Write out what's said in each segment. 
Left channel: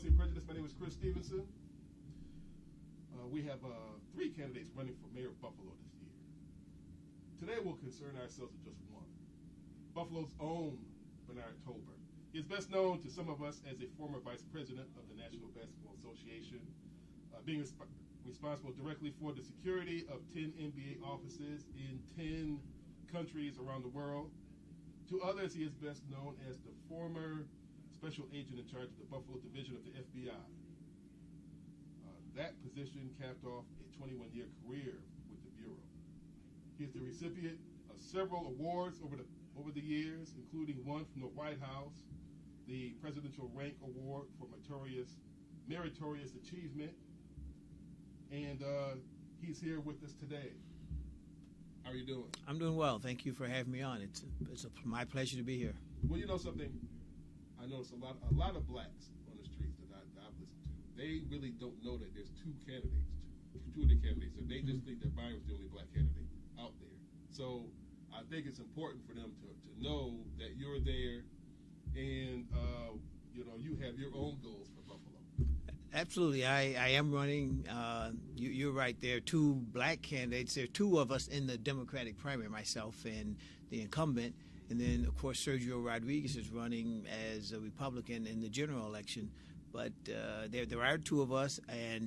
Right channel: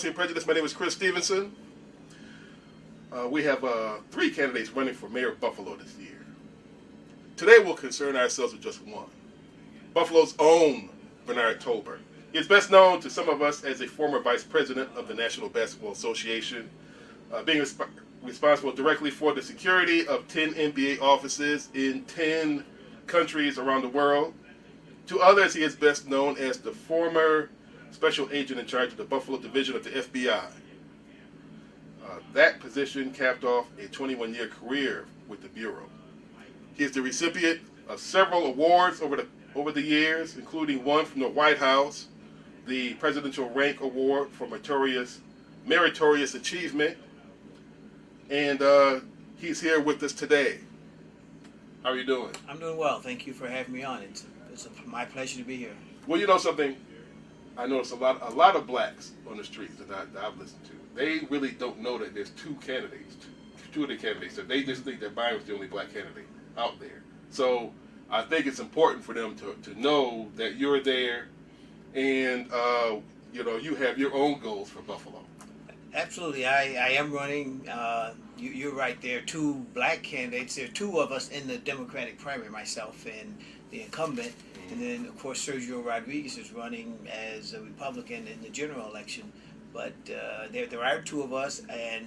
Policy and Prejudice. My name is Chris Stevenson. We have 3 candidates running for mayor of Buffalo this year. Today we'll concern ourselves with just one. Buffalo's own Bernard Tolbert. He is best known to some of us as a former vice president of the National Basketball Association, being responsible directly for the security of 10 NBA offices in 10 countries around the world. To others, he is best known as the former special agent in charge of the Buffalo division of the FBI. That position capped off a 21-year career with the Bureau. He is the recipient of several awards over the years, including one from the White House, the Presidential Rank Award for Meritorious Achievement, and he's here with us today. How are you doing? I'm doing well. Thank you for having me on. It's my pleasure to be here. Well, you know something? I notice a lot of blacks on the streets that I've listened to. They really don't know that there's two of the candidates. So they just think that Byron's the only black candidate out there. So I think it's important for them to know that you're there, and you have your own goals for Buffalo. Absolutely, I am running. You're right. There are 2 black candidates. There are 2 of us in the Democratic primary, myself and the incumbent. And then, of course, Sergio Rodriguez is running as a Republican in the general election. But there are 2 of us, and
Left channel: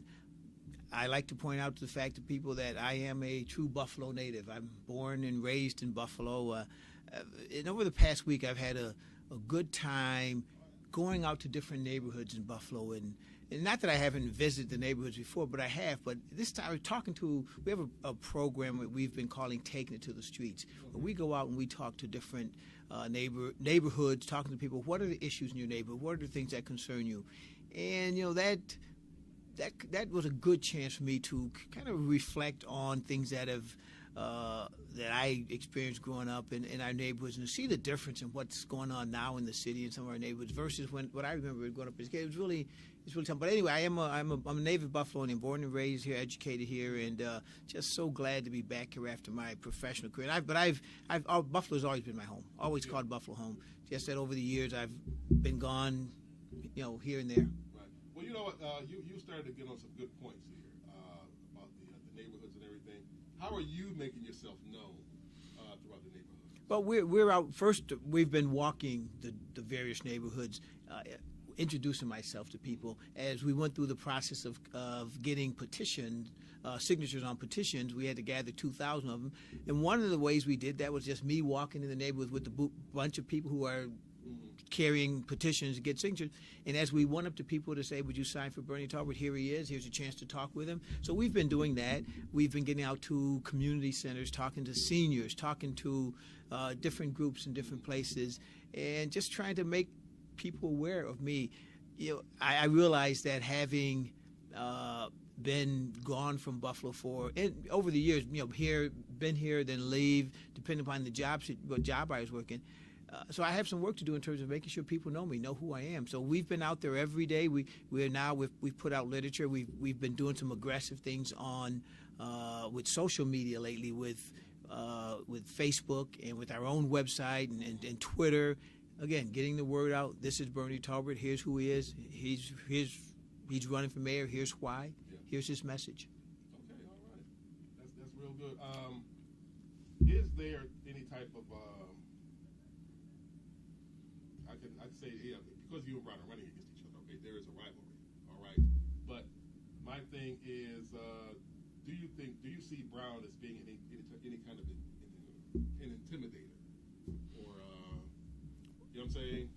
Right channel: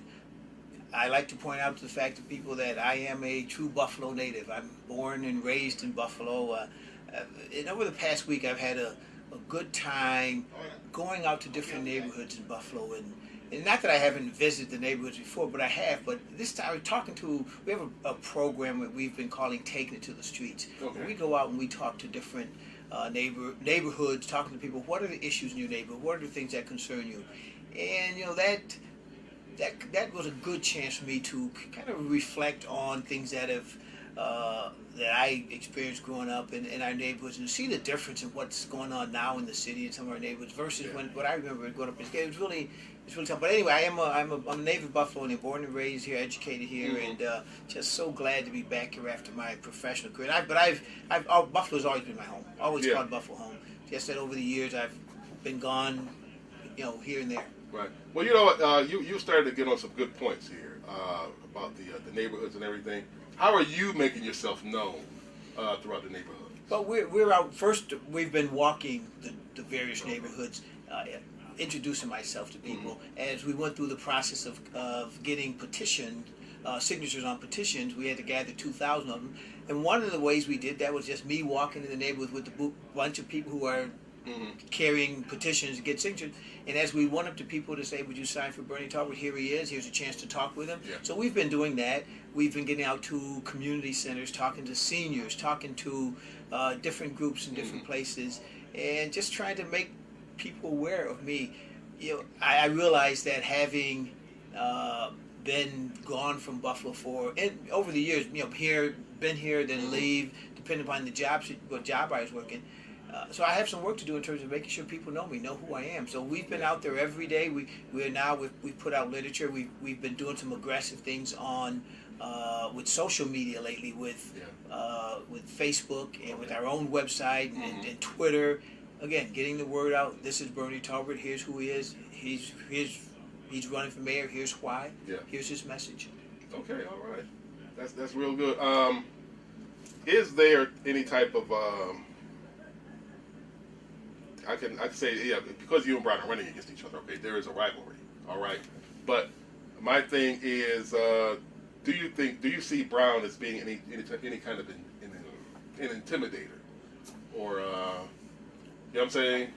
I like to point out to the fact to people that I am a true Buffalo native. I'm born and raised in Buffalo. And over the past week, I've had a good time going out to different neighborhoods in Buffalo. And not that I haven't visited the neighborhoods before, but I have. But this time, we have a program that we've been calling Taking It to the Streets. Okay. We go out and we talk to different neighborhoods, talking to people. What are the issues in your neighborhood? What are the things that concern you? And that was a good chance for me to kind of reflect on things that I experienced growing up in our neighborhoods, and see the difference in what's going on now in the city and some of our neighborhoods versus what I remember growing up. It's really tough. But anyway, I'm a native Buffalonian, born and raised here, educated here, and just so glad to be back here after my professional career. And Buffalo's always been my home. Always called Buffalo home. Just that over the years I've been gone, here and there. Right. Well, you know what? You started to get on some good points here about the neighborhoods and everything. How are you making yourself known throughout the neighborhood? Well, we're out. First, we've been walking the various neighborhoods, introducing myself to people. As we went through the process of getting signatures on petitions, we had to gather 2,000 of them. And one of the ways we did that was just me walking in the neighborhood with a bunch of people who are carrying petitions to get signatures. And as we went up to people to say, would you sign for Bernie Tolbert? Here he is. Here's a chance to talk with him. Yeah. So we've been doing that. We've been getting out to community centers, talking to seniors, talking to different groups in different places, and just trying to make people aware of me. I realized that having been gone from Buffalo over the years, been here, then leave, depending upon the job I was working. So I have some work to do in terms of making sure people know me, know who I am. So we've been out there every day. We've put out literature. We've been doing some aggressive things on with social media lately, with Facebook and with our own website and Twitter. Again, getting the word out. This is Bernie Tolbert. Here's who he is. He's running for mayor. Here's why. Yeah. Here's his message. Okay, all right. That's real good. Is there any type of I can say, because you and Brown are running against each other, okay, there is a rivalry, all right? But my thing is, do you see Brown as being any kind of an intimidator? Or, you know what I'm saying?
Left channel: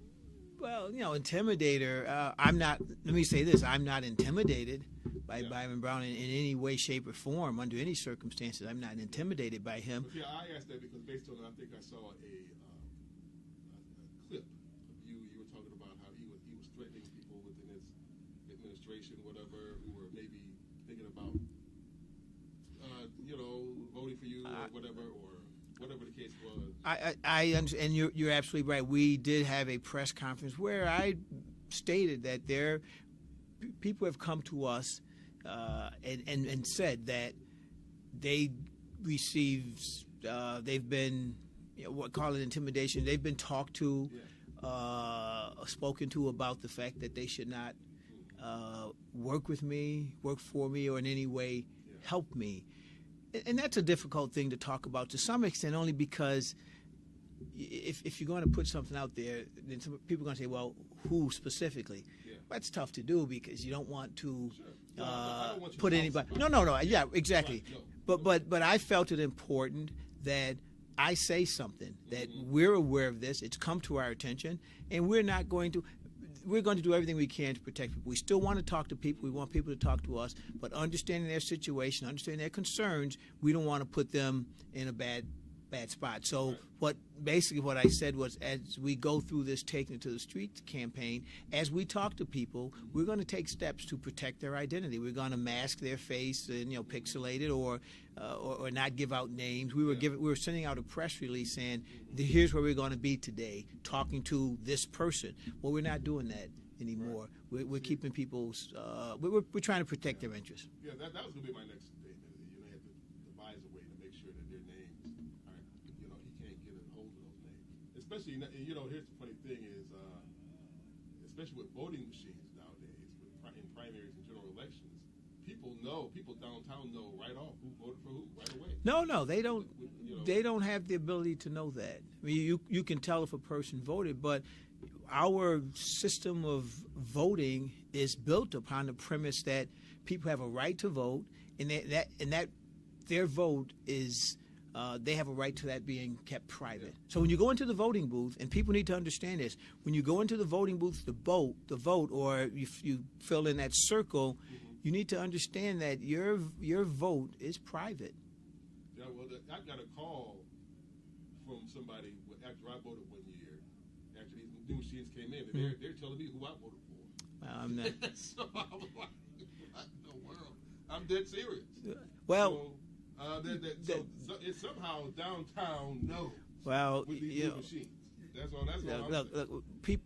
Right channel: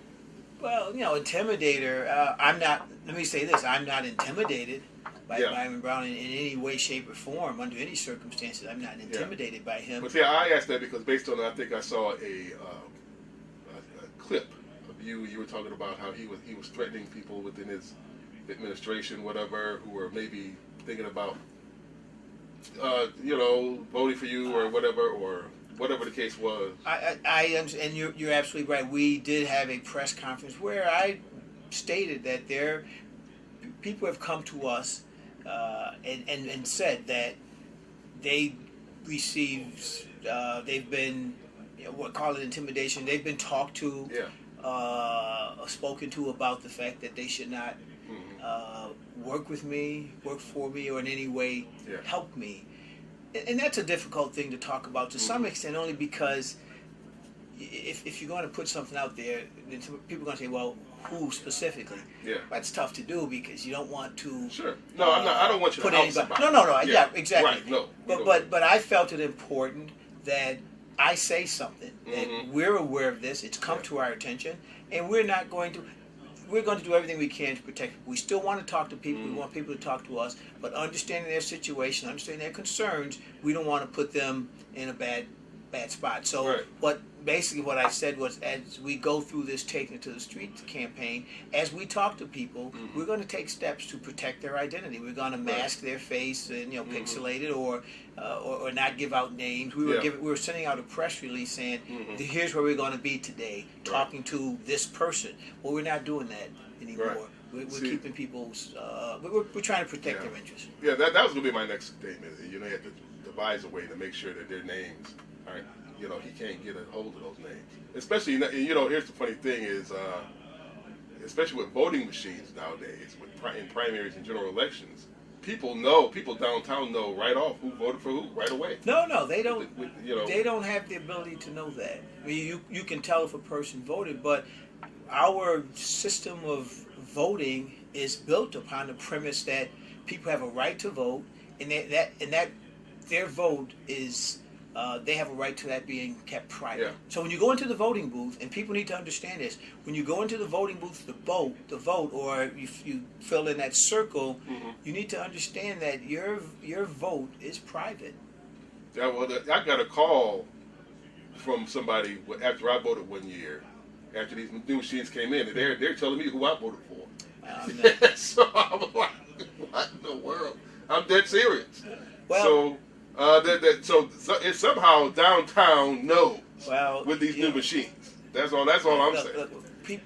Well, intimidator, I'm not, let me say this, I'm not intimidated by Byron Brown in any way, shape, or form, under any circumstances. I'm not intimidated by him. But I asked that because based on, I think I saw a clip. You were talking about how he was threatening people within his administration, whatever, who were maybe thinking about, voting for you or whatever the case was. I am, and you're absolutely right. We did have a press conference where I stated that people have come to us and said that they received, they've been, call it intimidation. They've been talked to. Spoken to about the fact that they should not work with me, work for me, or in any way help me. And that's a difficult thing to talk about to some extent, only because if you're going to put something out there, people are going to say, well, who specifically? Yeah. That's tough to do because you don't want to. Sure. No, I'm not. I don't want you to help somebody. No. Yeah, exactly. Right. No. But I felt it important that I say something, that we're aware of this. It's come to our attention, and we're going to do everything we can to protect people. We still want to talk to people. We want people to talk to us, but understanding their situation, understanding their concerns, we don't want to put them in a bad spot. So what I said was, as we go through this Taking It to the Streets campaign, as we talk to people, we're going to take steps to protect their identity. We're going to mask their face and pixelate it or not give out names. We were sending out a press release saying, here's where we're going to be today, talking to this person. Well, we're not doing that anymore. We're keeping people's. We're trying to protect their interests. Yeah, that was going to be my next statement. You have to devise a way to make sure that their names aren't. He can't get a hold of those names. Especially, here's the funny thing is, especially with voting machines nowadays, in primaries and general elections, people downtown know right off who voted for who right away. No, they don't. They don't have the ability to know that. I mean, you can tell if a person voted, but our system of voting is built upon the premise that people have a right to vote, and that their vote is. They have a right to that being kept private. Yeah. So when you go into the voting booth, and people need to understand this, when you go into the voting booth to vote, or you fill in that circle, you need to understand that your vote is private. Yeah, well, I got a call from somebody after I voted one year, after these new machines came in, and they're telling me who I voted for. So I was like, what in the world? I'm dead serious. Well, so it's somehow downtown knows with these new machines. That's all I'm saying.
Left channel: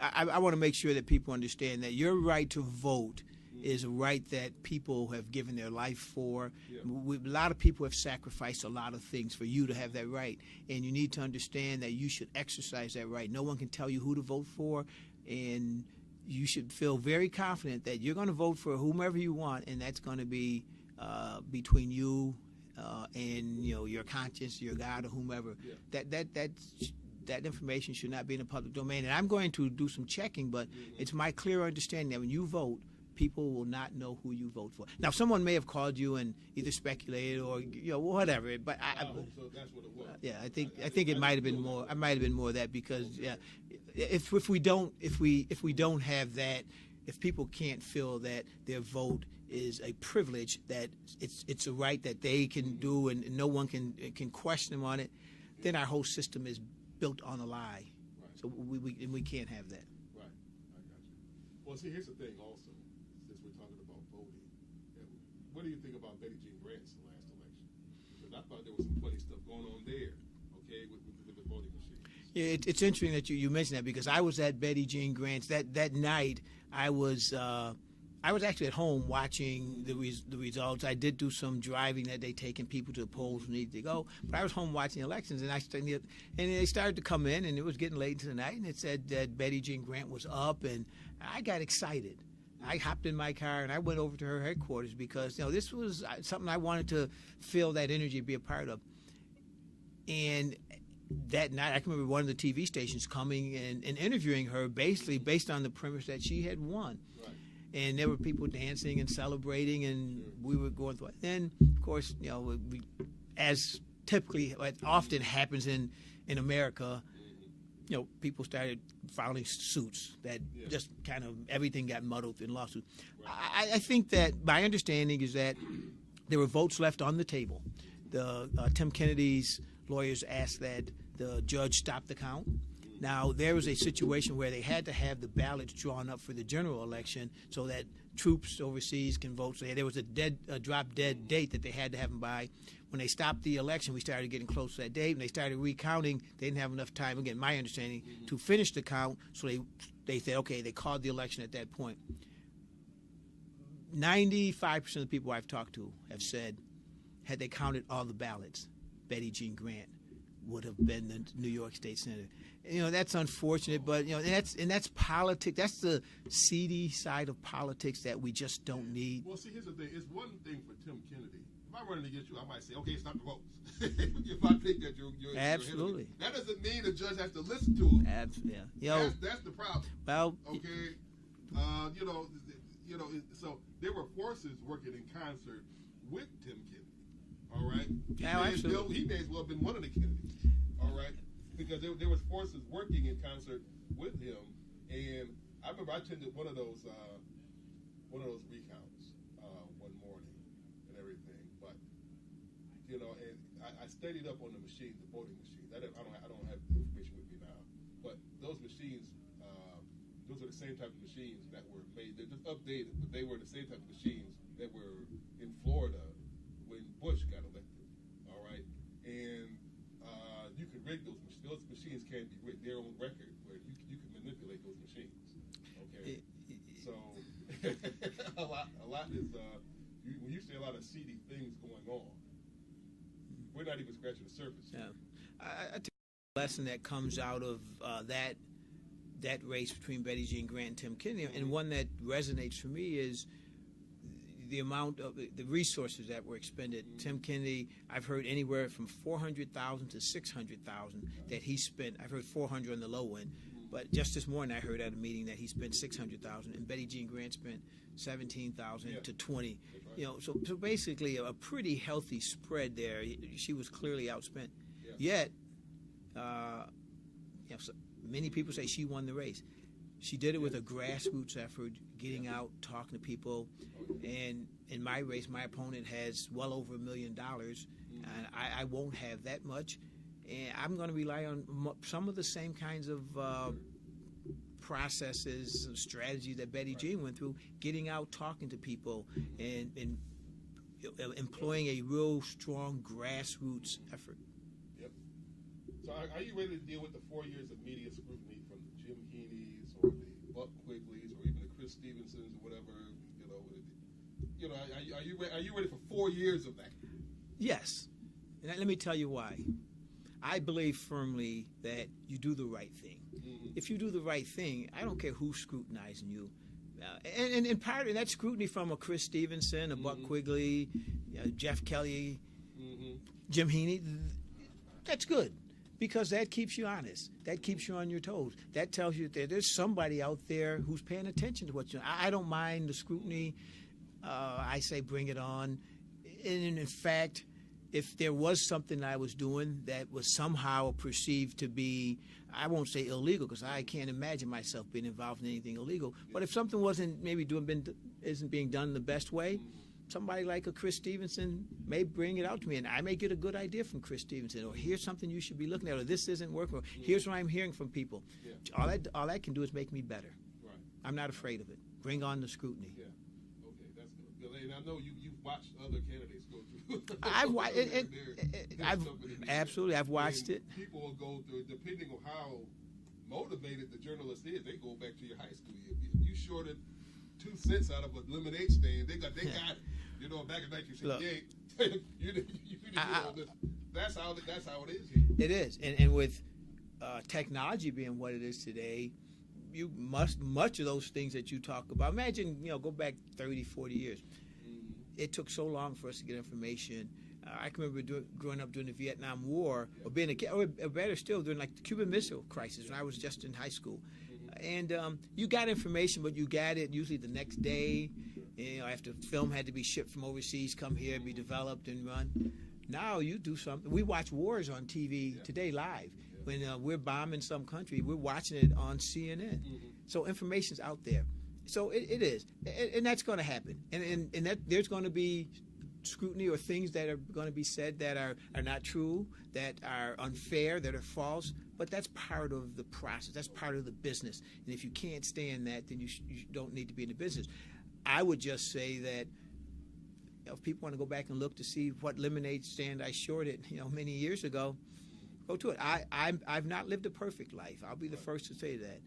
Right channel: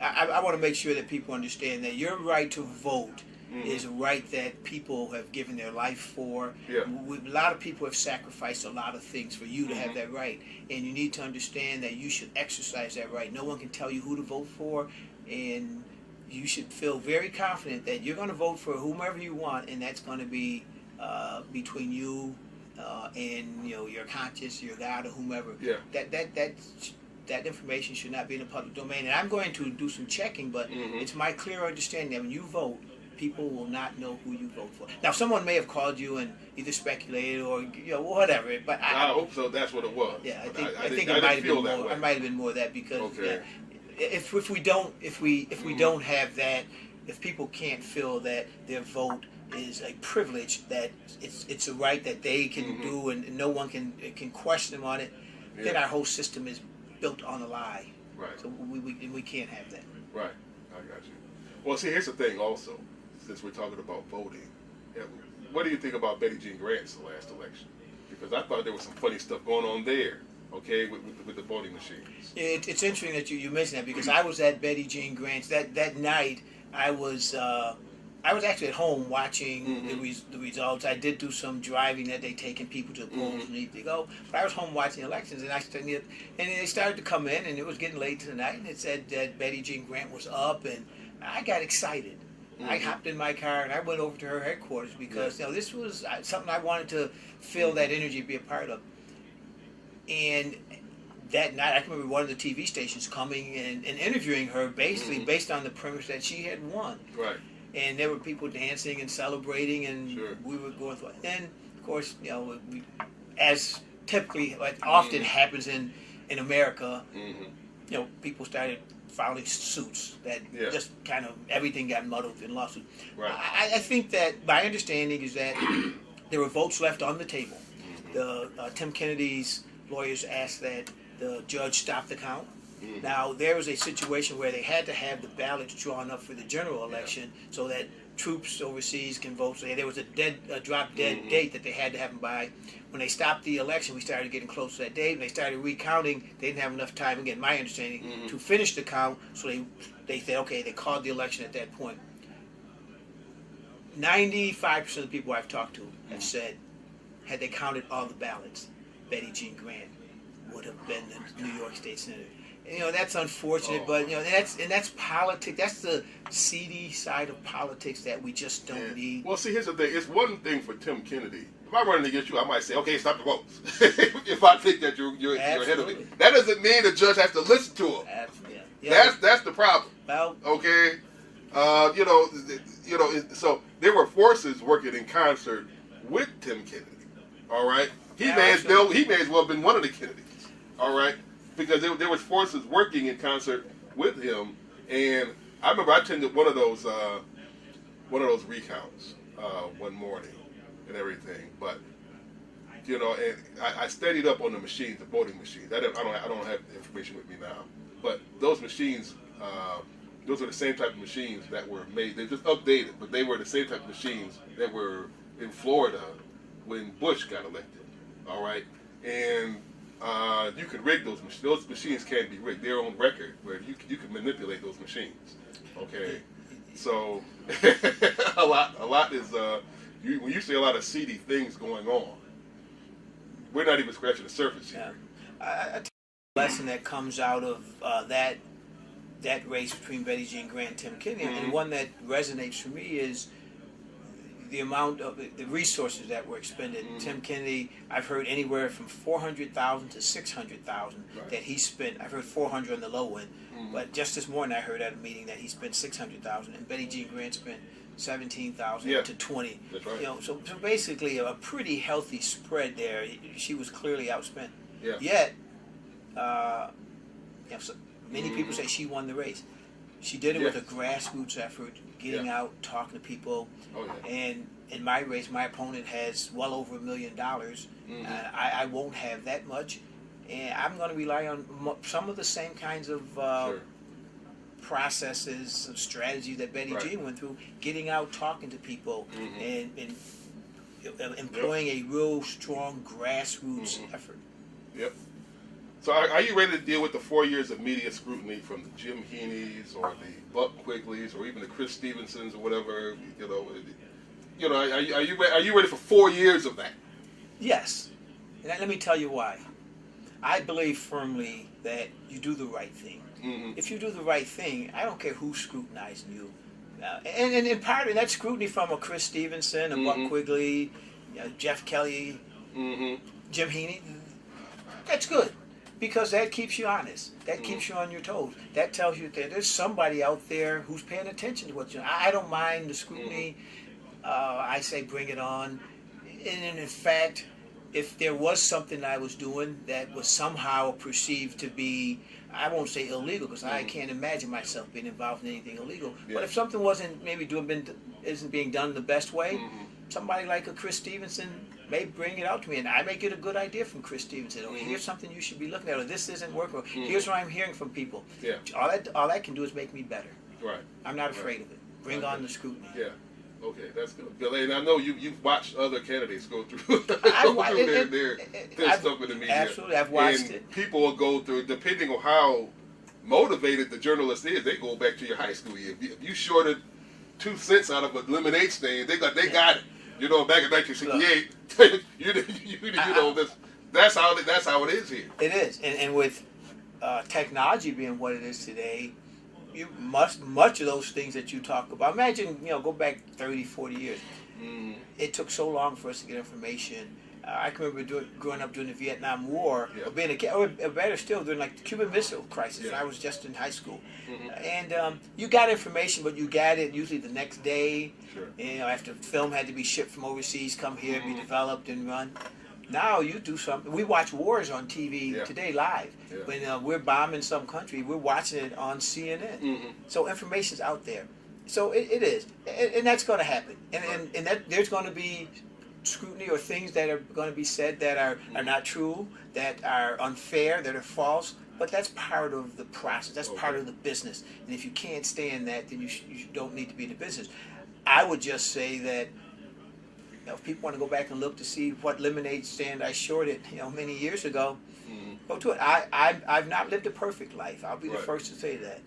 I want to make sure that people understand that your right to vote is a right that people have given their life for. Yeah. A lot of people have sacrificed a lot of things for you to have that right, and you need to understand that you should exercise that right. No one can tell you who to vote for, and you should feel very confident that you're going to vote for whomever you want, and that's going to be between you and your conscience, your God, or whomever. Yeah. That information should not be in the public domain. And I'm going to do some checking, but it's my clear understanding that when you vote, people will not know who you vote for. Now, someone may have called you and either speculated or whatever. But I hope so. That's what it was. Yeah, I think it might have been more. I might have been more of that because if we don't have that, if people can't feel that their vote is a privilege, that it's a right that they can do and no one can question them on it, then our whole system is built on a lie. Right. So we can't have that. Right. I got you. Well, see, here's the thing also, since we're talking about voting. What do you think about Betty Jean Grant's last election? Because I thought there was some funny stuff going on there, with the voting machines. Yeah, it's interesting that you mentioned that because I was at Betty Jean Grant's. That night, I was actually at home watching the results. I did do some driving that they taking people to the polls who need to go. But I was home watching elections, and they started to come in, and it was getting late into the night, and it said that Betty Jean Grant was up, and I got excited. I hopped in my car, and I went over to her headquarters because this was something I wanted to feel that energy, be a part of. And that night, I can remember one of the TV stations coming and interviewing her basically based on the premise that she had won. Right. And there were people dancing and celebrating, and we were going through it. And, of course, as typically, often happens in America, people started filing suits that just kind of everything got muddled in lawsuits. Right. I think that my understanding is that there were votes left on the table. The Tim Kennedy's lawyers asked that the judge stop the count. Now, there was a situation where they had to have the ballots drawn up for the general election so that troops overseas can vote. So there was a drop-dead date that they had to have them by. When they stopped the election, we started getting close to that date, and they started recounting. They didn't have enough time, again, my understanding, to finish the count, so they said, okay, they called the election at that point. 95% of the people I've talked to have said, had they counted all the ballots, Betty Jean Grant would have been the New York State Senator. You know, that's unfortunate, but you know, that's politics. That's the seedy side of politics that we just don't need. Well, see, here's the thing. It's one thing for Tim Kennedy. If I'm running against you, I might say, okay, stop the votes. If I think that you're ahead of me, that doesn't mean the judge has to listen to him. Absolutely. Yeah. That's the problem. Well, okay, so there were forces working in concert with Tim Kennedy. All right, he may as well have been one of the Kennedys. All right, because there was forces working in concert with him, and I remember I attended one of those recounts one morning and everything. But you know, and I studied up on the machines, the voting machines. I don't have the information with me now, but those machines, those are the same type of machines that were made. They're just updated, but they were the same type of machines that were in Florida when Bush got elected. All right, and you can rig those machines. Those machines can be rigged. They're on record where you can manipulate those machines. Okay, so a lot is when you see a lot of seedy things going on, we're not even scratching the surface here. I think the lesson that comes out of that race between Betty Jean Grant and Tim Kennedy, and one that resonates for me is the amount of the resources that were expended. Tim Kennedy, I've heard anywhere from $400,000 to $600,000 that he spent. I've heard 400 on the low end, but just this morning I heard at a meeting that he spent 600,000, and Betty Jean Grant spent 17,000 to 20. That's right. You know, so basically a pretty healthy spread there. She was clearly outspent. Yeah. Yet, so many people say she won the race. She did it with a grassroots effort, getting out, talking to people. And in my race, my opponent has well over $1 million. I won't have that much, and I'm going to rely on some of the same kinds of processes, strategies that Betty Jean went through, getting out, talking to people, and employing a real strong grassroots effort. Yep. So are you ready to deal with the 4 years of media scrutiny from the Jim Heaney's or the Buck Quigleys or even the Chris Stevensons or whatever? Are you ready for 4 years of that? Yes. And let me tell you why. I believe firmly that you do the right thing. If you do the right thing, I don't care who's scrutinizing you. And part of that scrutiny from a Chris Stevenson, a Buck Quigley, Jeff Kelly, Jim Heaney, that's good. Because that keeps you honest. That keeps you on your toes. That tells you that there's somebody out there who's paying attention to what you're doing. I don't mind the scrutiny. I say bring it on. And in fact, if there was something I was doing that was somehow perceived to be, I won't say illegal, because I can't imagine myself being involved in anything illegal. But if something isn't being done the best way, somebody like a Chris Stevenson may bring it out to me, and I may get a good idea from Chris Stevenson. Or here's something you should be looking at. Or this isn't working. Or here's what I'm hearing from people. All that can do is make me better. Right. I'm not afraid of it. Bring on the scrutiny. Yeah. Okay, that's good. Billy, and I know you've watched other candidates go through, their stuff in the media. Absolutely, I've watched and it. People will go through, depending on how motivated the journalist is, they go back to your high school year. If you shorted 2 cents out of a lemonade stand, they got it. You know, back in 1968, that's how it is here. It is, and with technology being what it is today, much of those things that you talk about. Imagine, go back 30, 40 years. It took so long for us to get information. I can remember growing up during the Vietnam War, or being a kid, or better still, during like the Cuban Missile Crisis. And I was just in high school, and you got information, but you got it usually the next day. After film had to be shipped from overseas, come here, be developed and run. Now you do something. We watch wars on TV today live. When we're bombing some country, we're watching it on CNN. So information's out there. So it is, and that's going to happen. And that there's going to be scrutiny or things that are going to be said that are not true, that are unfair, that are false. But that's part of the process. That's part of the business. And if you can't stand that, then you don't need to be in the business. I would just say that if people want to go back and look to see what lemonade stand I shorted, many years ago, go to it. I've not lived a perfect life. I'll be the first to say that.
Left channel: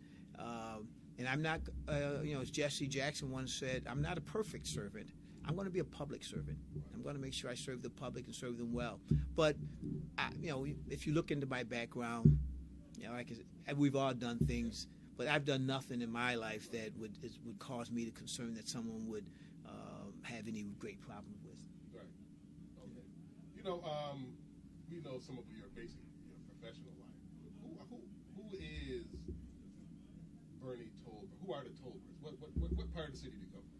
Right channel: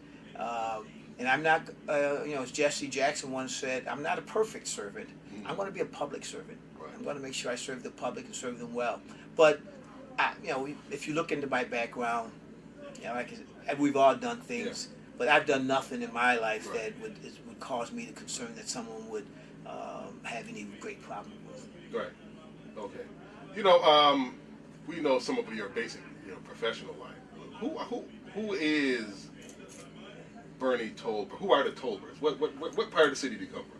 And I'm not, as Jesse Jackson once said, I'm not a perfect servant. I'm going to be a public servant. I'm going to make sure I serve the public and serve them well. But if you look into my background, like I said, we've all done things, but I've done nothing in my life that would cause me to concern that someone would have any great problem with. Right. Okay. We know some of your basic, professional life. Who is Bernie Tolbert? Who are the Tolberts? What part of the city do you come from?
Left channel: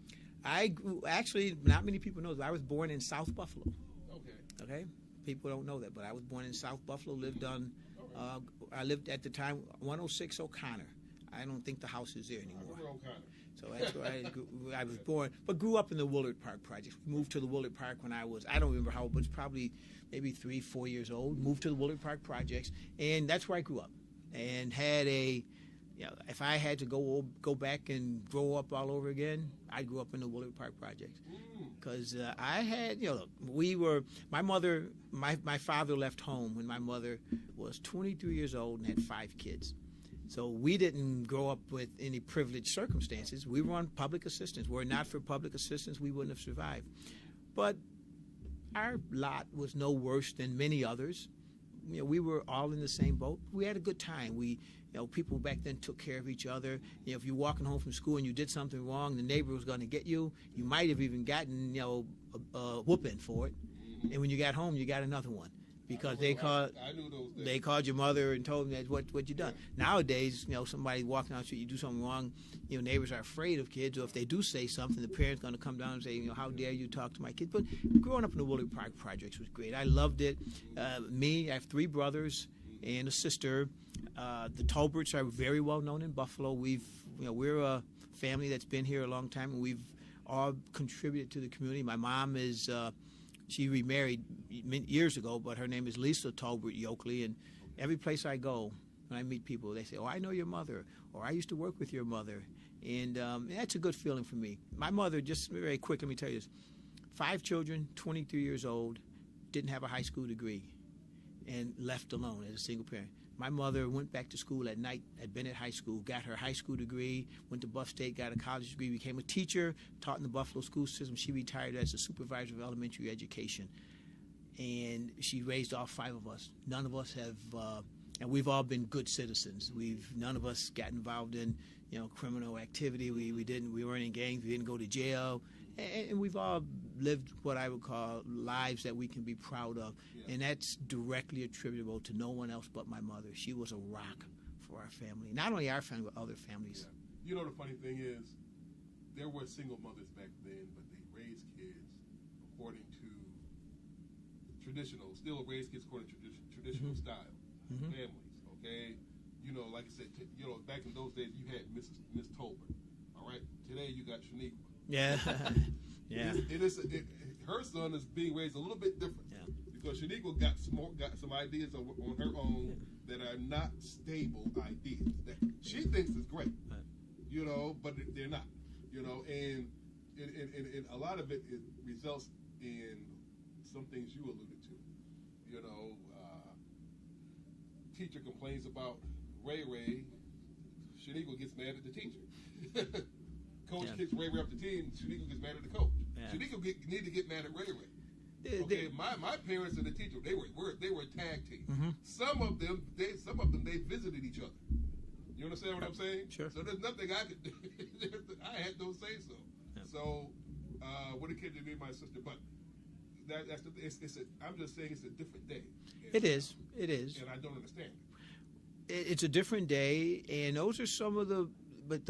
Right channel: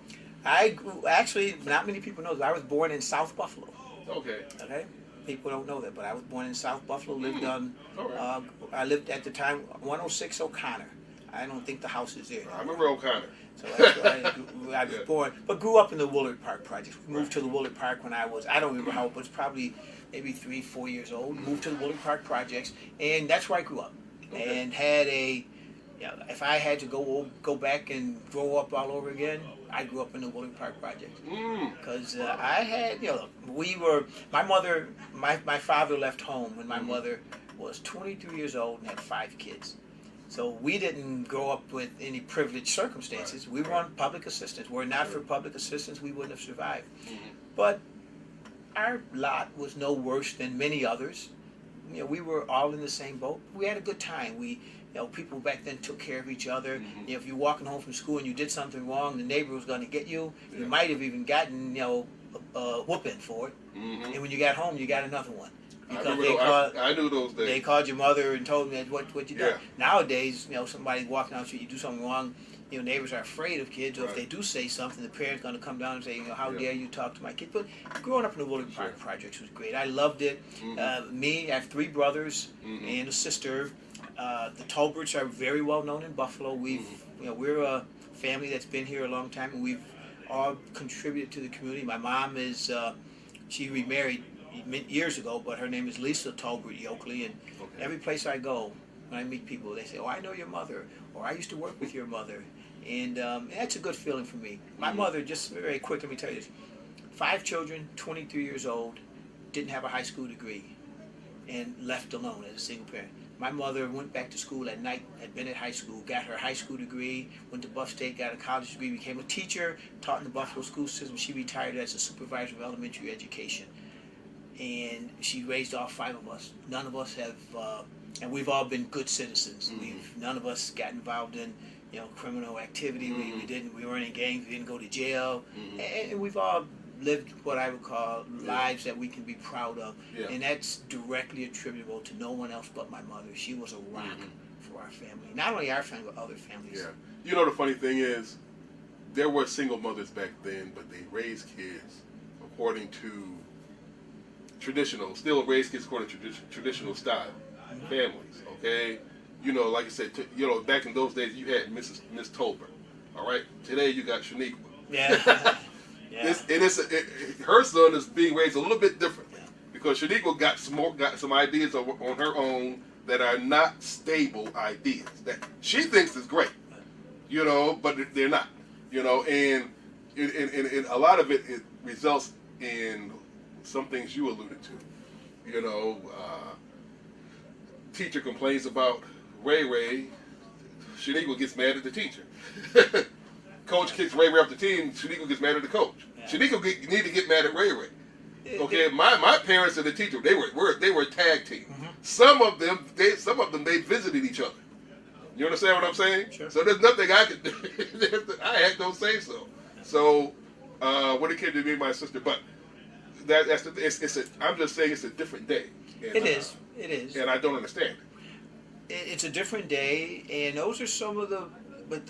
Actually, not many people know this. I was born in South Buffalo. Okay. Okay. People don't know that, but I was born in South Buffalo. Lived on. All right. I lived at the time 106 O'Connor. I don't think the house is there. I remember O'Connor. So that's where I was born, but grew up in the Woolard Park project. Moved to the Woolard Park when I don't remember how, but it's probably maybe 3-4 years old. Moved to the Woolard Park projects, and that's where I grew up. Okay. And had if I had to go back and grow up all over again, I grew up in the Woolard Park project. Because I had, my father left home when my mother was 23 years old and had 5 kids. So we didn't grow up with any privileged circumstances. We were on public assistance. Were it not for public assistance, we wouldn't have survived. But our lot was no worse than many others. We were all in the same boat. We had a good time. People back then took care of each other. If you're walking home from school and you did something wrong, the neighbor was going to get you. You might have even gotten, a whooping for it. And when you got home, you got another one. Because I knew those days. They called your mother and told them what you done. Nowadays, somebody walking down the street, you do something wrong, neighbors are afraid of kids, or if they do say something, the parent's going to come down and say, how dare you talk to my kid. But growing up in the Woolard Park projects was great. I loved it. I have 3 brothers and a sister. The Tolberts are very well known in Buffalo. We're a family that's been here a long time, and we've all contributed to the community. My mom she remarried years ago, but her name is Lisa Tolbert Yoakley, and every place I go, when I meet people, they say, I know your mother, or I used to work with your mother, and that's a good feeling for me. My mother, just very quick, let me tell you this, 5 children, 23 years old, didn't have a high school degree, and left alone as a single parent. My mother went back to school at night at Bennett High School, got her high school degree, went to Buff State, got a college degree, became a teacher, taught in the Buffalo school system. She retired as a supervisor of elementary education. And she raised all 5 of us. None of us have, and we've all been good citizens. None of us got involved in, criminal activity. We weren't in gangs. We didn't go to jail. And we've all lived what I would call lives that we can be proud of. And that's directly attributable to no one else but my mother. She was a rock for our family. Not only our family, but other families. Yeah. The funny thing is, there were single mothers back then, but they raised kids according to still raised kids according to traditional style families. Okay, like I said, back in those days, you had Miss Tolbert. All right, today you got Shaniqua. Yeah. Her son is being raised a little bit different because Shaniqua got some ideas on her own that are not stable ideas that she thinks is great, but they're not, and a lot of it results in some things you alluded to. Teacher complains about Ray. Shaniqua gets mad at the teacher. Coach kicks Ray off the team. Shaniqua gets mad at the coach. Shaniqua need to get mad at Ray. Okay, my parents and the teacher, they were a tag team. Some of them they visited each other. You understand what I'm saying? Sure. So there's nothing I could do. I had no say so. So when it came to me and my sister, but I'm just saying it's a different day. And, It is. And I don't understand It's a different day, and those are some of the. But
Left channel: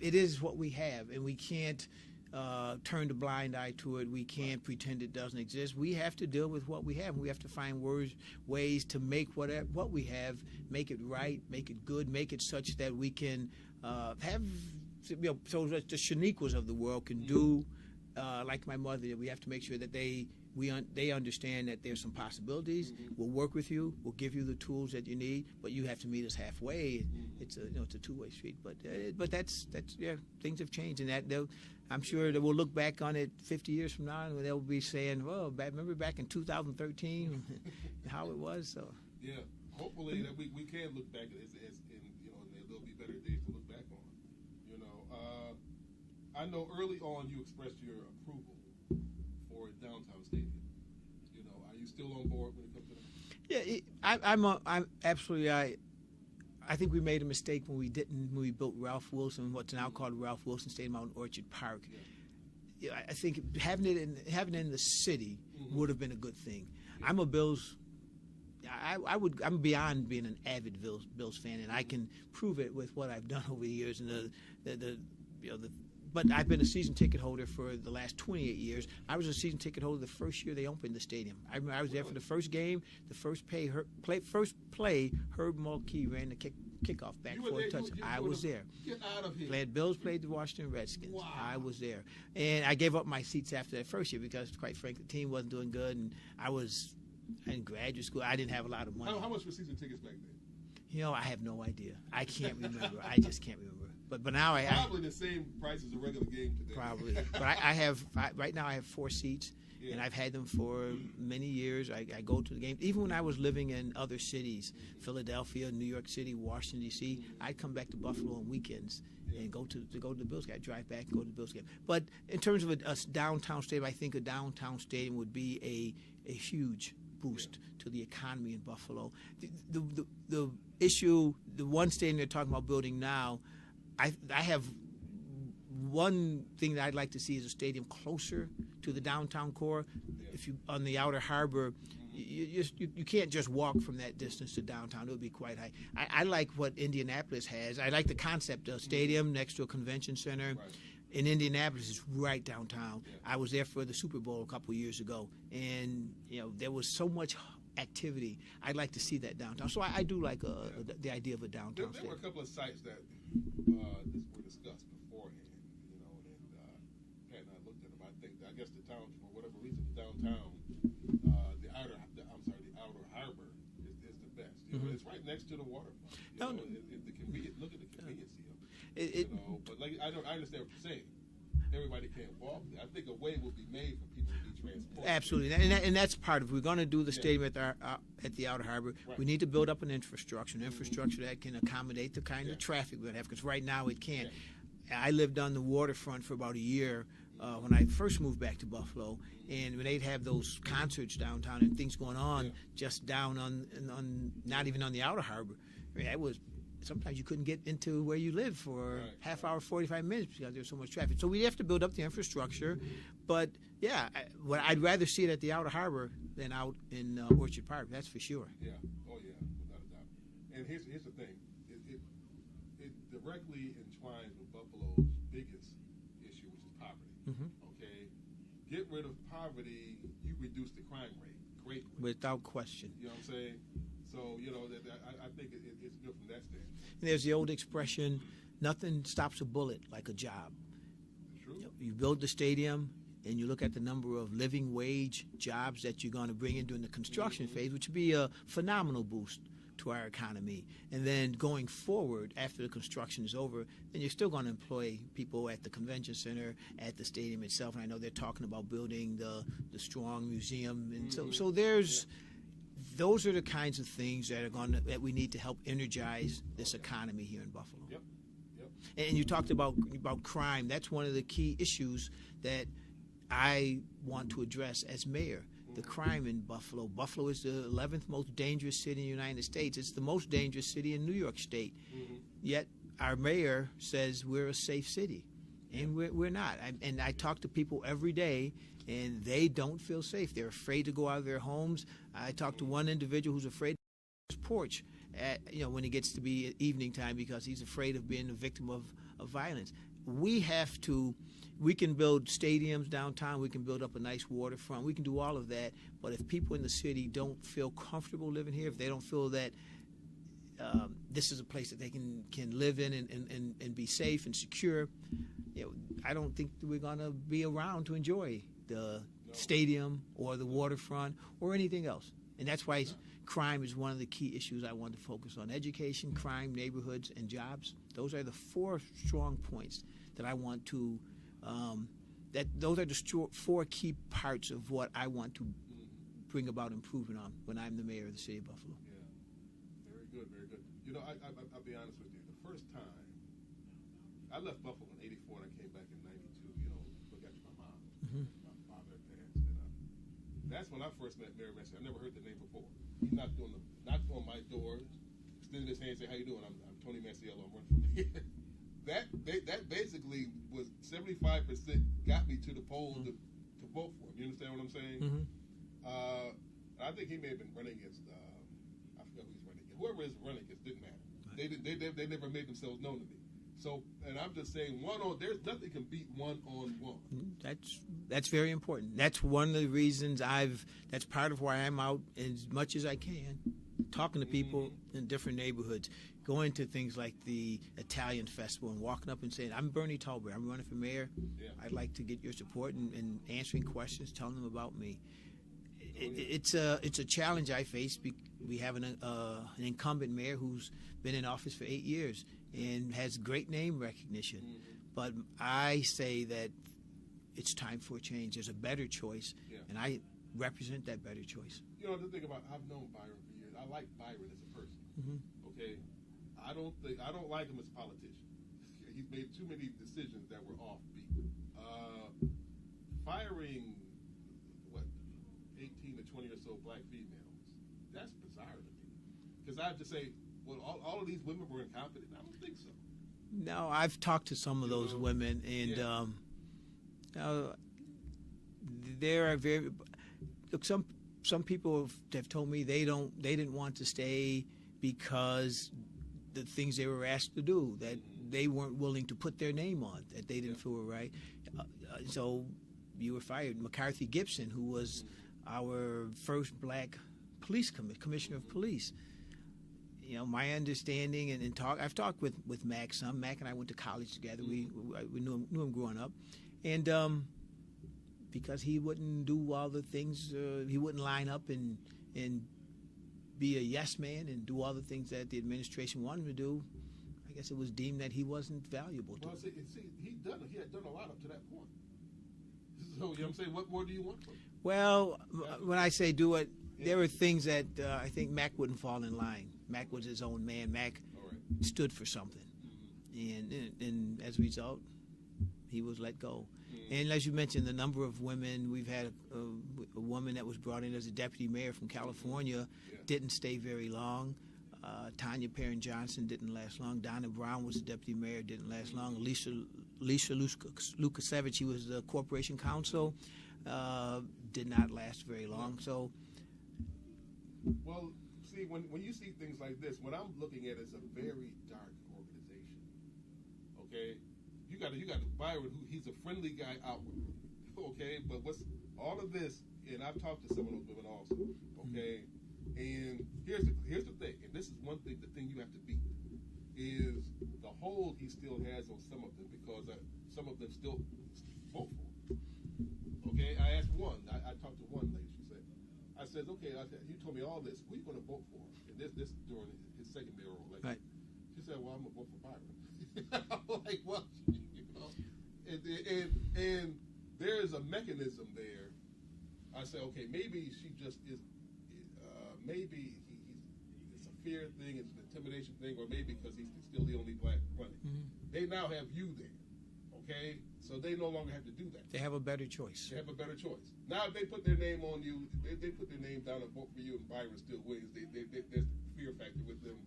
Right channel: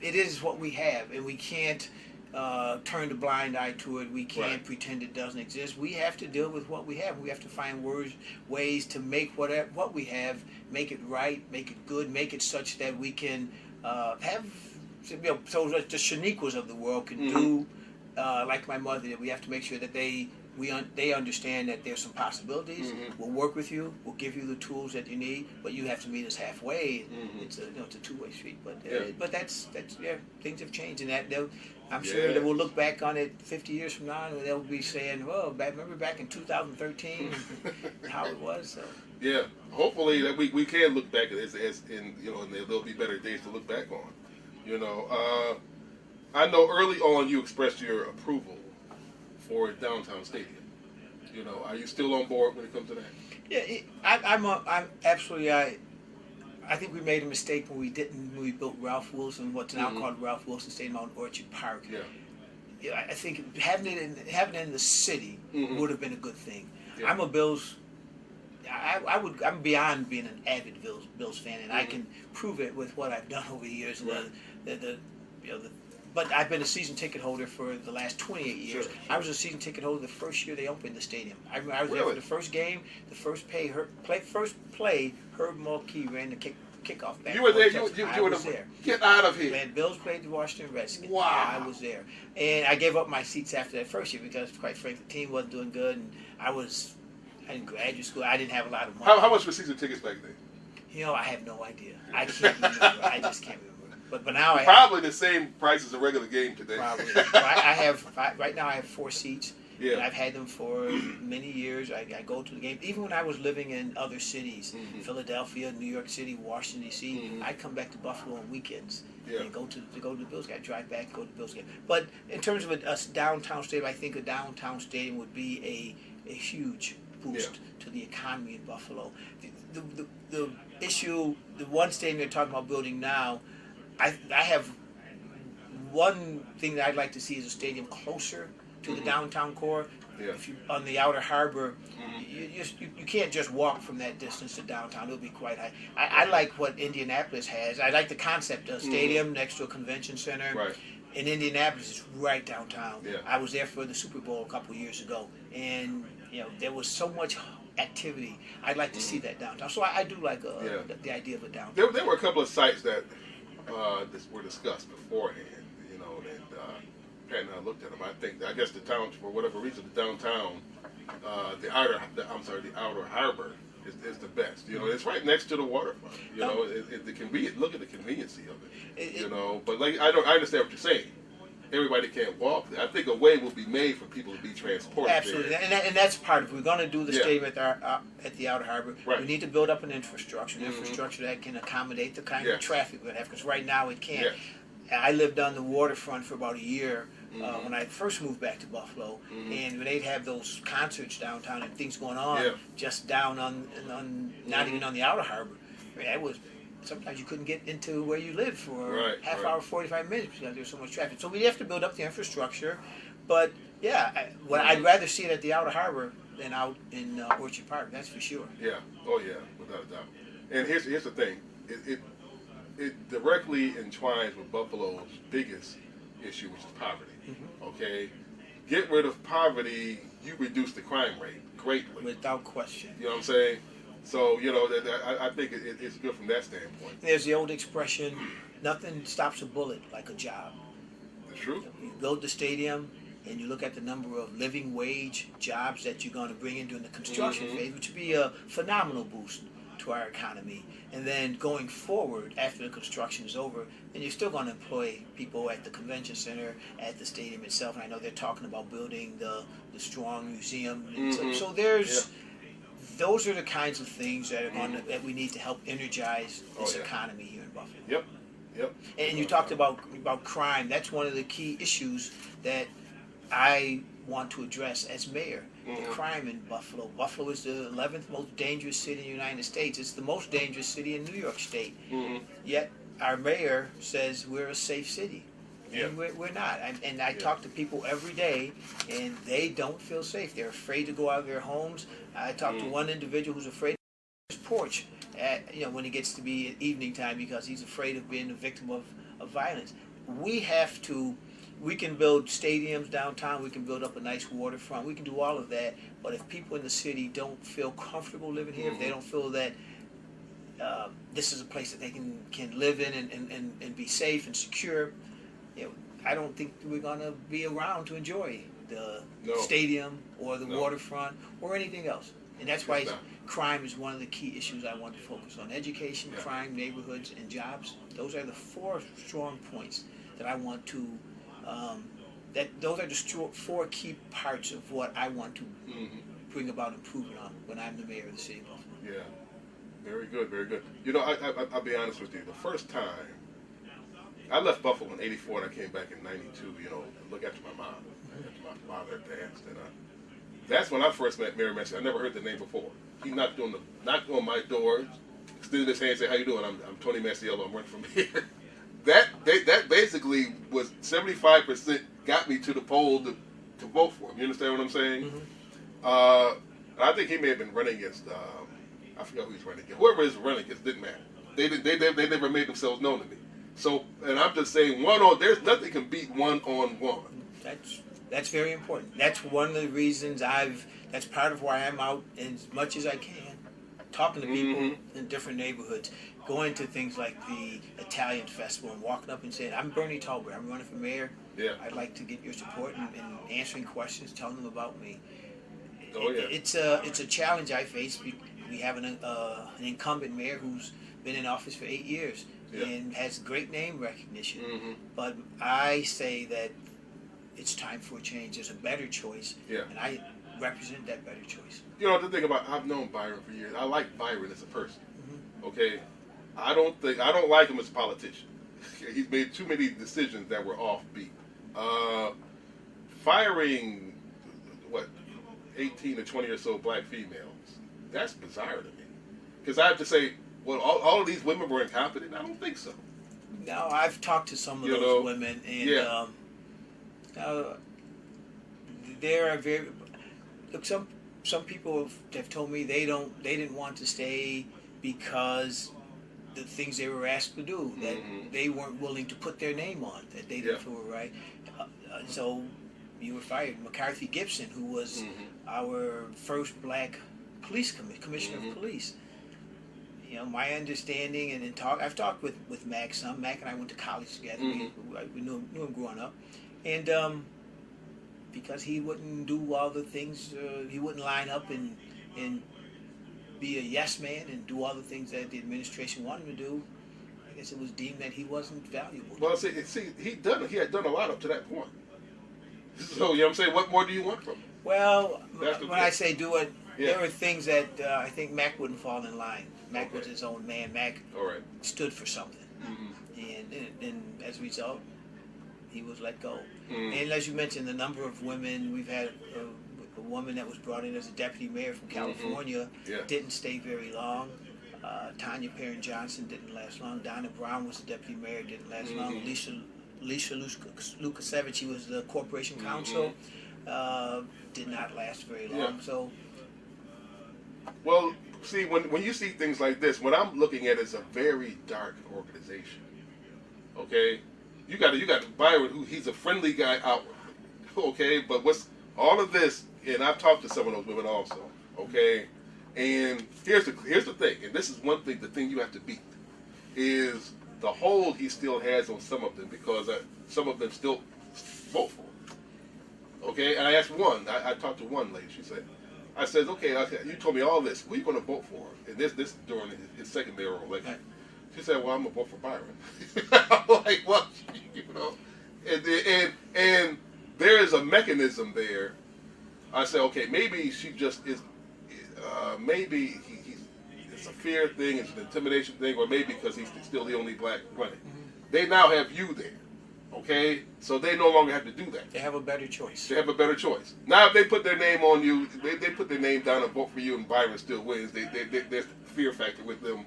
it is what we have, and we can't turn the blind eye to it. We can't pretend it doesn't exist. We have to deal with what we have. We have to find ways to make what we have, make it right, make it good, make it such that we can have, so that the Shaniquas of the world can do like my mother did. We have to make sure that they understand that there's some possibilities. We'll work with you. We'll give you the tools that you need, but you have to meet us halfway. It's a two-way street. But that's things have changed, and I'm sure that we'll look back on it 50 years from now, and they'll be saying, "Well, remember back in 2013 how it was." So. Yeah, hopefully that we can look back at it as in and there'll be better days to look back on. I know early on you expressed your approval for a downtown stadium. Are you still on board when it comes to that? Yeah, I'm absolutely. I think we made a mistake when we built Ralph Wilson, what's now called Ralph Wilson Stadium out in Orchard Park. Yeah. Yeah, I think having it in the city would have been a good thing. Yeah. I'm a Bills. I'm beyond being an avid Bills fan, and I can prove it with what I've done over the years. Right. But I've been a season ticket holder for the last 28 years. Sure. I was a season ticket holder the first year they opened the stadium. I was there Really? for the first game, the first play. Herb Mulkey ran the kickoff back. You were there. I was there. Get out of here. Man, Bills played the Washington Redskins. Wow. I was there, and I gave up my seats after that first year because, quite frankly, the team wasn't doing good, and I was in graduate school. I didn't have a lot of money. How much were season tickets back then? You know, I have no idea. I can't remember. I just can't remember. But now I probably the same price as a regular game today. Probably. Well, right now I have 4 seats. Yeah. And I've had them for many years. I go to the game. Even when I was living in other cities, Philadelphia, New York City, Washington D.C., I'd come back to Buffalo on weekends and go to the Bills game. I'd drive back and go to the Bills game. But in terms of a downtown stadium, I think a downtown stadium would be a huge boost to the economy in Buffalo. The issue, the one stadium you're talking about building now, I have one thing that I'd like to see is a stadium closer to the downtown core. Yeah. If you on the outer harbor, you can't just walk from that distance to downtown. It'll be quite high. I like what Indianapolis has. I like the concept of a stadium next to a convention center. Right. In Indianapolis, it's right downtown. Yeah. I was there for the Super Bowl a couple years ago, and there was so much activity. I'd like to see that downtown. So I do like the idea of a downtown. There were a couple of sites that were discussed beforehand, and Pat and I looked at them. I guess the town, for whatever reason, the downtown, the outer harbor is the best. It's right next to the waterfront. The convenient. Look at the conveniency of it. But I understand what you're saying. Everybody can't walk there. I think a way will be made for people to be transported. Absolutely, there. and that's part of it. We're going to do the stadium at the outer harbor. Right. We need to build up an infrastructure, that can accommodate the kind of traffic we're going to have. Because right now it can't. Yeah. I lived on the waterfront for about a year when I first moved back to Buffalo, and when they'd have those concerts downtown and things going on just down on not even on the outer harbor, that was. Sometimes you couldn't get into where you live for half hour, 45 minutes because there's so much traffic. So we have to build up the infrastructure. But I'd rather see it at the outer harbor than out in Orchard Park. That's for sure. Yeah. Oh yeah, without a doubt. And here's the thing. It directly entwines with Buffalo's biggest issue, which is poverty. Okay. Get rid of poverty, you reduce the crime rate greatly. Without question. You know what I'm saying? So, I think it's good from that standpoint. There's the old expression, nothing stops a bullet like a job. That's true. You build the stadium, and you look at the number of living wage jobs that you're going to bring in during the construction phase, which would be a phenomenal boost to our economy. And then going forward, after the construction is over, then you're still going to employ people at the convention center, at the stadium itself. And I know they're talking about building the Strong Museum. And so there's... Those are the kinds of things that are that we need to help energize this economy here in Buffalo. Yep. And you talked about crime. That's one of the key issues that I want to address as mayor. The crime in Buffalo. Buffalo is the 11th most dangerous city in the United States. It's the most dangerous city in New York State. Yet our mayor says we're a safe city. And we're not. And I talk to people every day, and they don't feel safe. They're afraid to go out of their homes. I talked to one individual who's afraid of his porch when it gets to be at evening time because he's afraid of being a victim of violence. We can build stadiums downtown. We can build up a nice waterfront. We can do all of that. But if people in the city don't feel comfortable living here, if they don't feel that this is a place that they can live in and be safe and secure, I don't think we're going to be around to enjoy the stadium or the waterfront or anything else. And that's why crime is one of the key issues I want to focus on. Education, crime, neighborhoods, and jobs. Those are the 4 strong points that I want to, those are the 4 key parts of what I want to bring about improvement on when I'm the mayor of the city of Buffalo. Yeah. Very good, very good. I'll be honest with you. The first time, I left Buffalo in '84 and I came back in '92. To look after my mom. After my father had passed, and That's when I first met Mayor Massey. I never heard the name before. He knocked on my door, extended his hand, and said, "How you doing? I'm Tony Massiello. I'm running from here." That basically was 75% got me to the poll to vote for him. You understand what I'm saying? Mm-hmm. I think he may have been running against. I forgot who he's running against. Whoever is running against didn't matter. They never made themselves known to me. So, and I'm just saying, there's nothing can beat one-on-one. That's very important. That's one of the reasons that's part of why I'm out as much as I can, talking to people in different neighborhoods, going to things like the Italian Festival and walking up and saying, "I'm Bernard Tolbert. I'm running for mayor. Yeah. I'd like to get your support and answering questions, telling them about me." Yeah. It's a challenge I face. We have an incumbent mayor who's been in office for 8 years and has great name recognition. But I say that it's time for a change. There's a better choice, and I represent that better choice. You know, the thing about, I've known Byron for years. I like Byron as a person. Okay, I don't like him as a politician. He's made too many decisions that were offbeat. Firing 18 to 20 or so black females. That's bizarre to me. Because I have to say, well, all of these women were incompetent. I don't think so. No, I've talked to some of those women, and there are very look. Some people have told me they didn't want to stay because the things they were asked to do, that they weren't willing to put their name on, that they didn't feel were right. So you were fired. McCarthy Gibson, who was our first black police commissioner of police. You know, my understanding I've talked with Mac some. Mac and I went to college together. We knew him growing up, and because he wouldn't do all the things, he wouldn't line up and be a yes man and do all the things that the administration wanted him to do. I guess it was deemed that he wasn't valuable. Well, see, he had done a lot up to that point. So, you know what I'm saying? What more do you want from him? Well, when I say do it, there were things that I think Mac wouldn't fall in line. Mac was his own man. Mac stood for something. And as a result, he was let go. And as you mentioned, the number of women, we've had a woman that was brought in as a deputy mayor from California, didn't stay very long. Tanya Perrin Johnson didn't last long. Donna Brown was the deputy mayor, didn't last long. Alicia Lukasevich, he was the corporation counsel, did not last very long. So, well, see, when you see things like this, what I'm looking at is a very dark organization. Okay, you got Byron, who he's a friendly guy outwardly. Okay, but what's all of this? And I've talked to some of those women also. Okay, and here's the thing, and this is one thing. The thing you have to beat is the hold he still has on some of them, because some of them still vote for him. Okay, and I asked one. I talked to one lady. She said, I said, okay, you told me all this. Who are you going to vote for? And this during his second mayoral election. She said, well, I'm going to vote for Byron. I'm like, what? You know? And there is a mechanism there. I said, okay, maybe she just is, maybe it's a fear thing, it's an intimidation thing, or maybe because he's still the only black running. They now have you there. Okay, so they no longer have to do that. They have a better choice. They have a better choice. Now, if they put their name on you, they put their name down and vote for you, and Byron still wins. There's fear factor with them,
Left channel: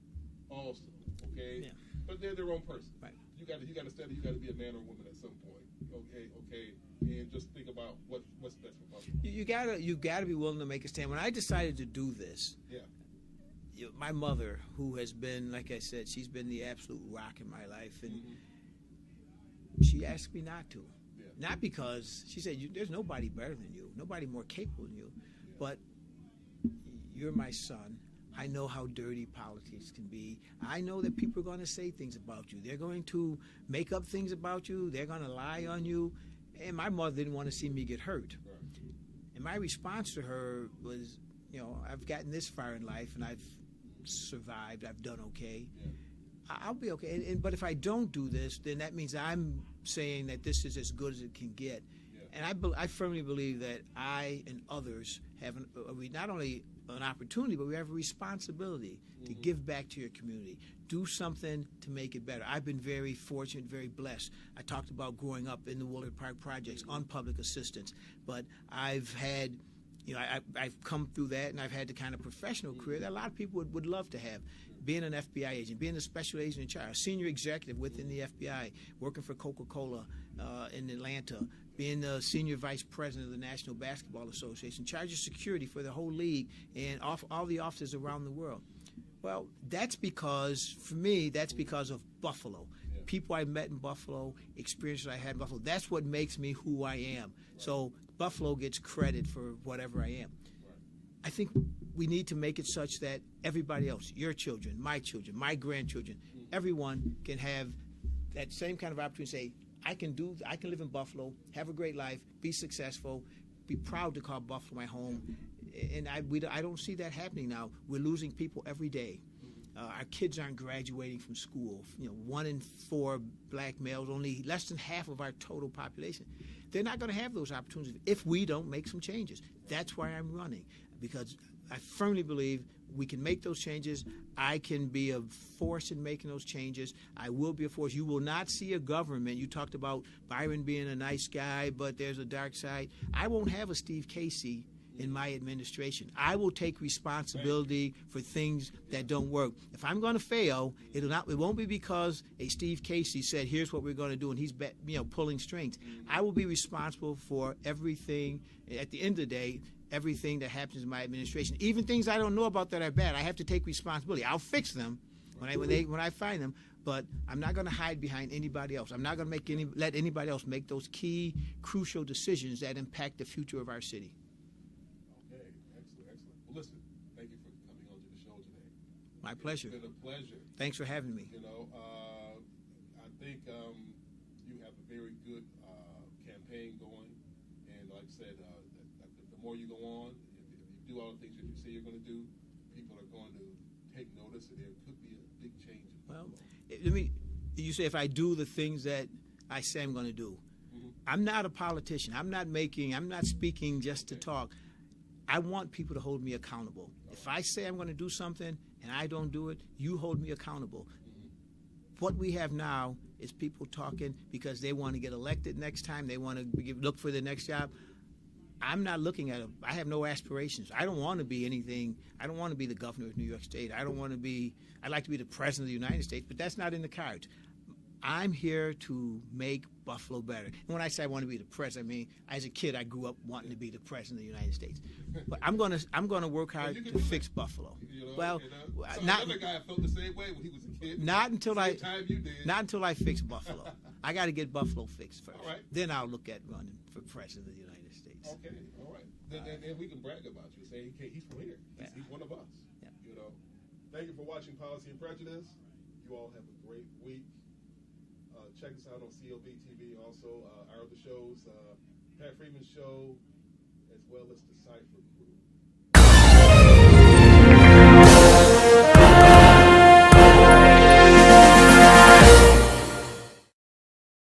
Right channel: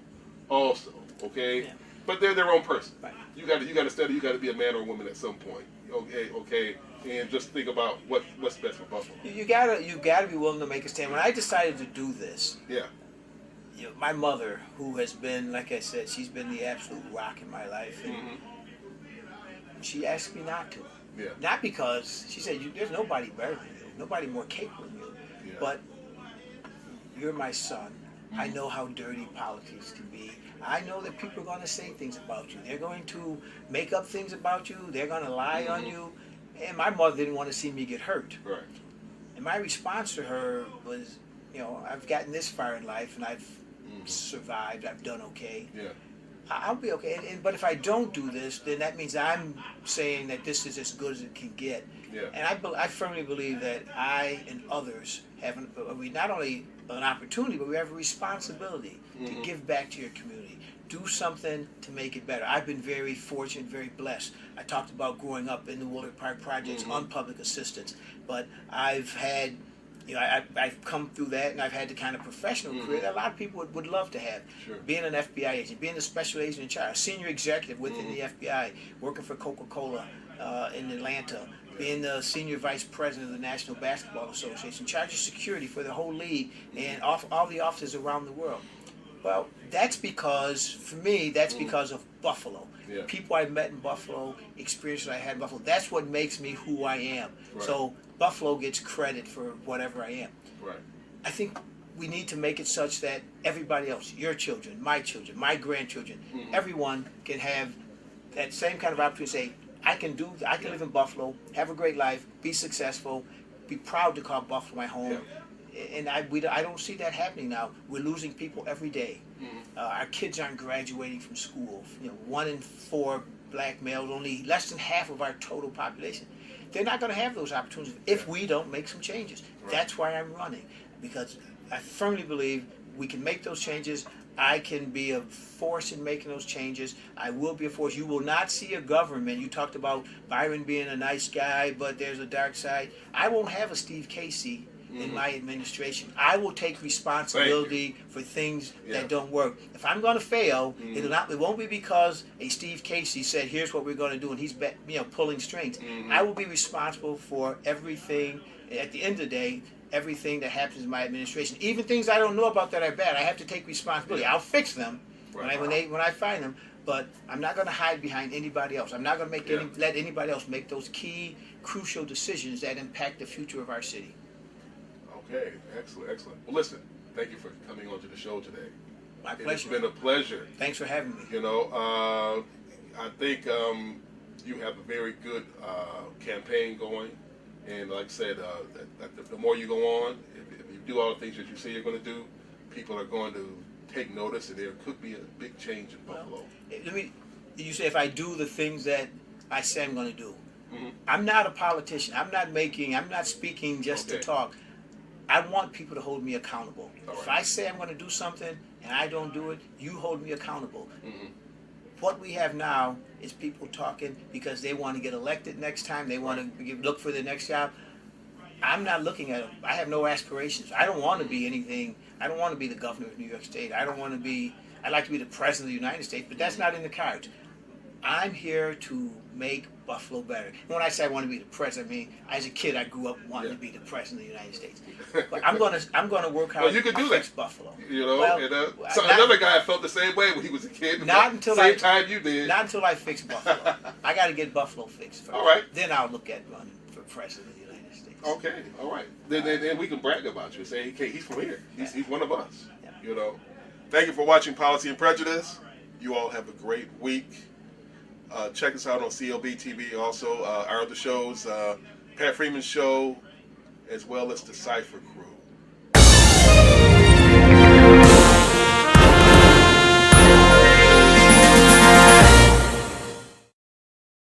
also. Okay, but they're their own person. Right. You got to study. You got to be a man or a woman at some point. Okay, and just think about what's best for Buffalo. You gotta be willing to make a stand. When I decided to do this, my mother, who has been, like I said, she's been the absolute rock in my life, and she asked me not to. Not because she said there's nobody better than you, nobody more capable than you, but you're my son. I know how dirty politics can be. I know that people are going to say things about you. They're going to make up things about you. They're going to lie on you. And my mother didn't want to see me get hurt. Right. And my response to her was, I've gotten this far in life, and I've survived. I've done okay. Yeah. I'll be okay. But if I don't do this, then that means I'm saying that this is as good as it can get. Yeah. And I firmly believe that I and others have not only an opportunity, but we have a responsibility to give back to your community. Do something to make it better. I've been very fortunate, very blessed. I talked about growing up in the Willard Park projects on public assistance, but I've had I've come through that, and I've had the kind of professional career that a lot of people would love to have. Sure. Being an FBI agent, being a special agent in charge, a senior executive within the FBI, working for Coca-Cola in Atlanta, being the senior vice president of the National Basketball Association, in charge of security for the whole league and all the offices around the world. Well, that's because, for me, because of Buffalo. Yeah. People I met in Buffalo, experiences I had in Buffalo, that's what makes me who I am. Right. So Buffalo gets credit for whatever I am. Right. I think we need to make it such that everybody else, your children, my grandchildren, everyone can have that same kind of opportunity to say, I can live in Buffalo, have a great life, be successful, be proud to call Buffalo my home. Yeah. And I don't see that happening now. We're losing people every day. Our kids aren't graduating from school. 1 in 4 black males, only less than half of our total population. They're not going to have those opportunities if we don't make some changes. Right. That's why I'm running, because I firmly believe we can make those changes. I can be a force in making those changes. I will be a force. You will not see a government. You talked about Byron being a nice guy, but there's a dark side. I won't have a Steve Casey in my administration. I will take responsibility for things that don't work. If I'm going to fail, it won't be because a Steve Casey said, "Here's what we're going to do," and he's pulling strings. I will be responsible for everything. At the end of the day, everything that happens in my administration, even things I don't know about that are bad, I have to take responsibility. I'll fix them when I find them. But I'm not going to hide behind anybody else. I'm not going to let anybody else make those key, crucial decisions that impact the future of our city. Okay, excellent. Well, listen, thank you for coming on to the show today. My pleasure. It's been a pleasure. Thanks for having me. I think you have a very good campaign going, and like I said, the more you go on, if you do all the things that you say you're going to do, people are going to take notice, and there could be a big change in Buffalo. You say if I do the things that I say I'm going to do. I'm not a politician. I'm not speaking just to talk. I want people to hold me accountable. Right. If I say I'm going to do something and I don't do it, you hold me accountable. What we have now is people talking because they want to get elected next time. They want to look for the next job. I'm not looking at it. I have no aspirations. I don't want to be anything. I don't want to be the governor of New York State. I'd like to be the president of the United States, but that's not in the cards. I'm here to make Buffalo better. And when I say I want to be the president, I mean, as a kid, I grew up wanting to be the president of the United States. But I'm gonna work hard to fix Buffalo. Another guy felt the same way when he was a kid. Not until time you did. Not until I fix Buffalo. I got to get Buffalo fixed first. All right. Then I'll look at running for president of the United States. Okay. All right. Then we can brag about you and say, "Hey, he's from here. He's one of us." Yeah. Thank you for watching Policy and Prejudice. You all have a great week. Check us out on clbTV. Also, our other shows, Pat Freeman's show, as well as the Cypher Crew.